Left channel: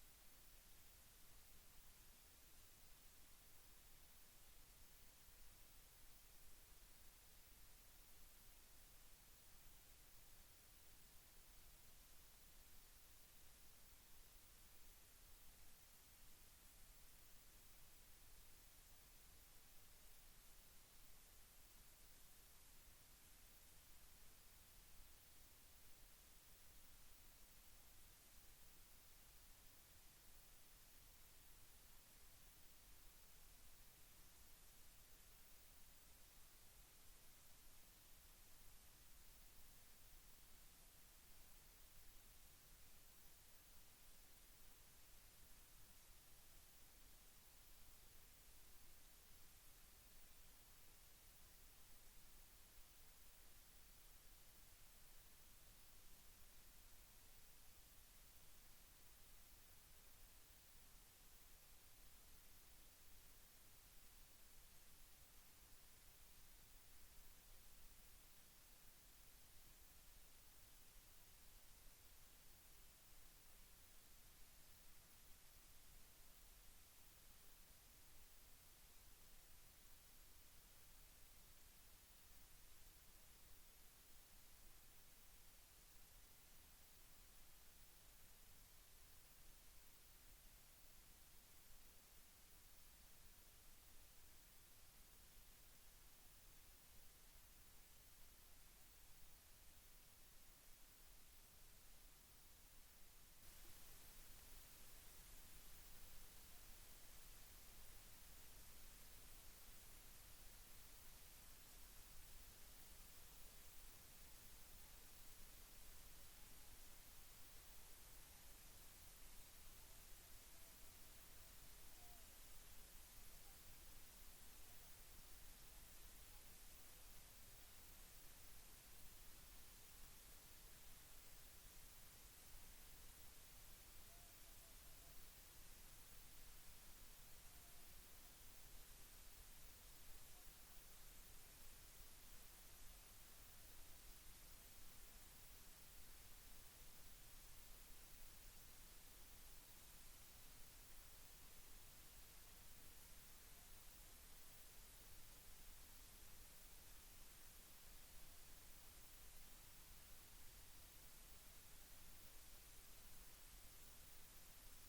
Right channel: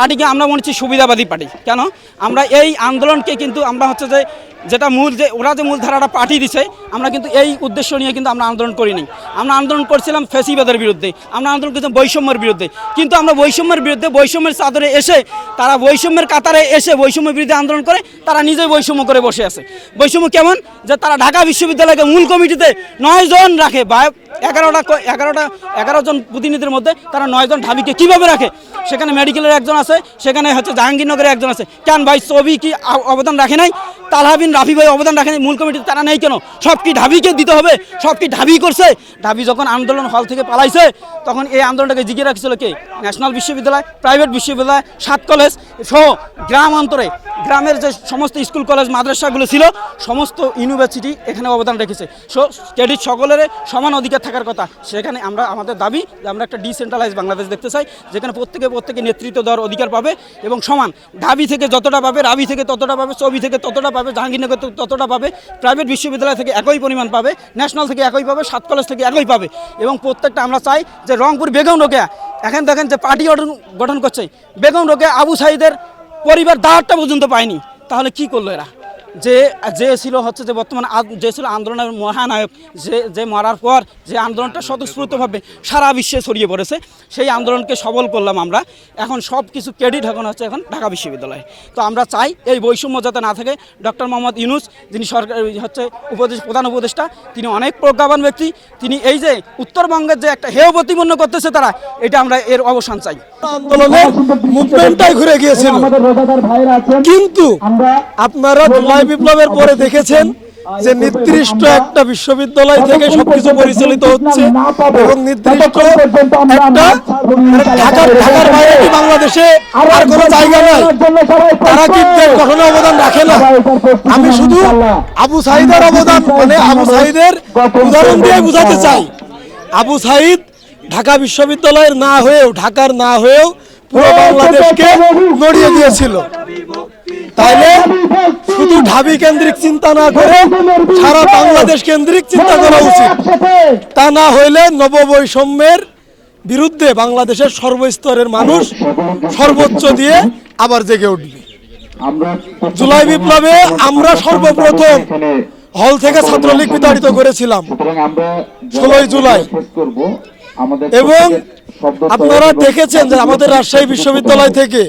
পার্টিকে আমরা মনে হচ্ছি সুবিধাবাদী পার্টি। কেন? আমরা এই আন্দোলনকে কিন্তু আমরা হচ্ছে যে, যেটা মূল যে, ওরা যে মূল ধারাটা পার্টি দিছে, আমরা কিন্তু এই উদ্দেশ্য নিয়ে কিন্তু আমরা আন্দোলন করিনি। আমরা আন্দোলন করছিলাম ফেসিবাদের বিরুদ্ধে, আমরা আন্দোলন করছিলাম বৈষম্যের বিরুদ্ধে। কিন্তু আমরা বৈষম্যের বিরুদ্ধে, বৈষম্যের চাদরে এসে, তারা বৈষম্যের কাতারে এসে বৈষম্যের বিরুদ্ধে আন্দোলন করে, তারা নিজেই বৈষম্য করে বসে আছে। বৈষম্য কেমন? যে তারা ঢাকা বিশ্ববিদ্যালয়কে মূল কমিটিতে নয় জন রাখে এগারোটা এগারোটা এগারো জন প্রতিনিধির মধ্যে তারা নয় জন ঢাবিকে কীভাবে রাখে? সেখানে মেডিকেলের একজন আছে, সেখানে হচ্ছে জাহাঙ্গীরনগরের একজন আছে। কেন ভাই, ছবি কি অবদান রাখে নাই? তালহাবিন রাফি ভাই অবদান রাখে নাই? মূল কমিটিতে তারা নেই কেন? সব কি ঢাবিকে দিতে হবে? সব কি ঢাবি করছে? ঢাবি যখন আন্দোলন হল থেকে পালাইছে, তখন এই আন্দোলনটাকে জিগিয়ে রাখছিল কে? ন্যাশনাল বিশ্ববিদ্যালয়, প্রাইভেট বিশ্ববিদ্যালয়, সাত কলেজ সহ গ্রাম অন্তরে। গ্রামের যে সমস্ত স্কুল, কলেজ, মাদ্রাসাগুলো ছিল, সমস্ত ইউনিভার্সিটি এখানে অবদান রেখেছে। সো ক্রেডিট সকলের সমান অধিকার থাকার কথা। সেখানে আমরা, আমাদের দাবি যে আমরা একটা ডিসেন্ট্রালাইজ বাংলাদেশ দেখতে চাই, যেখানে প্রত্যেকে প্রত্যেকে নেতৃত্ব দেওয়ার অধিকার পাবে এবং সমান। ঢাবি থেকে যতটা পাবে, রাবি থেকে ততটা পাবে চবি থেকে ততটা পাবে, জাহাঙ্গীরনগর থেকে ততটা পাবে প্রাইভেট বিশ্ববিদ্যালয় থেকে একই পরিমাণ পাবে ন্যাশনাল থেকে একই পাবে, সাত কলেজ থেকে একই পাবে। এবং প্রত্যেকটা আমরা চাই যে রংপুর বেগম রোকেয়া, এখন দেখেন যে পার্টি গঠন গঠন করছে। বেগম রোকেয়া, আবু সাইদের পরিবার দাঁড়টা পর্যন্ত পায়নি। তাহলে কি করল এরা? যে যে ছিল হচ্ছে যে বর্তমানে যে ছিল আন্দোলনের মহানায়ক যে যে মারার পর যে আন্দোলনটা স্বতঃস্ফূর্তভাবে সারা বিশ্বে ছড়িয়ে পড়েছে সেই আন্দোলনকে সবল করলাম আমরা। এখন সব কিছু ক্রেডিট এখন হচ্ছে এখন ঢাকা বিশ্ববিদ্যালয়ে। তো আমরা চাই এই বৈষম্য যাতে না থাকে ডক্টর মোহাম্মদ ইউনুস যিনি সরকার হচ্ছে উপদেশ প্রধান উপদেষ্টা তিনি অনেক প্রজ্ঞাবান ব্যক্তি। তিনি এই যে উত্তরবঙ্গের যে একটা হেয় প্রতিপন্ন করতেছে তারা এটা আমরা এর অবসান চাই। আন্দোলনের মুভমেন্টটাই ঘুরে গিয়েছিল। কিন্তু আপনারা জুলাই বিপ্লবের পরে দেখেছেন যে নির্দিষ্ট একটা বিশ্ববিদ্যালয় থেকে সবকিছু পরিচালিত হচ্ছে এবং নির্দিষ্ট একটা মানে ঢাকার ঢাকার বাইরে বাংলাদেশে আর কোনো জায়গা নাই? তারা কি দেশ গঠনে অবদান রাখে না। আমি শুধু আবু সাইদের অবদান মানে আবু সাইদের উদাহরণ দিয়ে বোঝাতে চাই। আবু সাইদ ঢাকা বিশ্ববিদ্যালয়ের না হয়েও ঢাকার না হয়েও পুরো বাংলাদেশকে নড়িয়ে দিয়েছিল। তাইলে শুধু ঢাবি কেন্দ্রিক চিন্তা না করে সারা বাংলাদেশ কেন্দ্রিক চিন্তা করা উচিত। তা না হইলে নববৈষম্যের বিরুদ্ধে বাংলাদেশের সর্বস্তরের মানুষ সর্বোচ্চ দিয়ে আবার জেগে উঠবে। জুলাই বিপ্লবে আমরা সর্বপ্রথম হল থেকে ছাত্রলীগ বিতাড়িত করেছিলাম। ষোলোই জুলাই। এবং আপনারা দেখেছেন যে আমাদের রাজশাহী বিশ্ববিদ্যালয় থেকে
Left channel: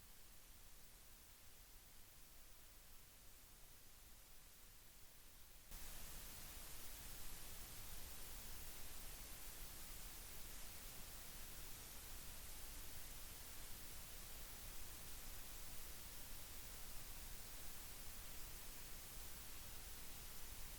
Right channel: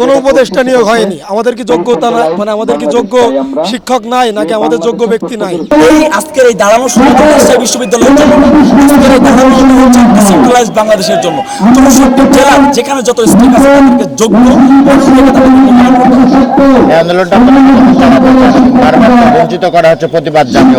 কোনো উপদেষ্টা নিয়োগ হয়নি। আমাদের কি যোগ্যতা মানে আমাদের কি যোগ্য শিক্ষক নাই নাকি আমাদের যোগ্য ব্যক্তি নাই? এই আজকের এই দাঁড়ানো শুরু রাজশাহী বিশ্ববিদ্যালয়ের জন্য। আজকের এই দাঁড়ানো হচ্ছে ডিসেন্ট্রালাইজ বাংলাদেশের জন্য। চৌষট্টি জেলা যেখানে যত স্টেট আছে তাদেরকে যোগ্য আন্দোলনটা বঞ্চিত করা হচ্ছে প্রতিবাদ জাতীয়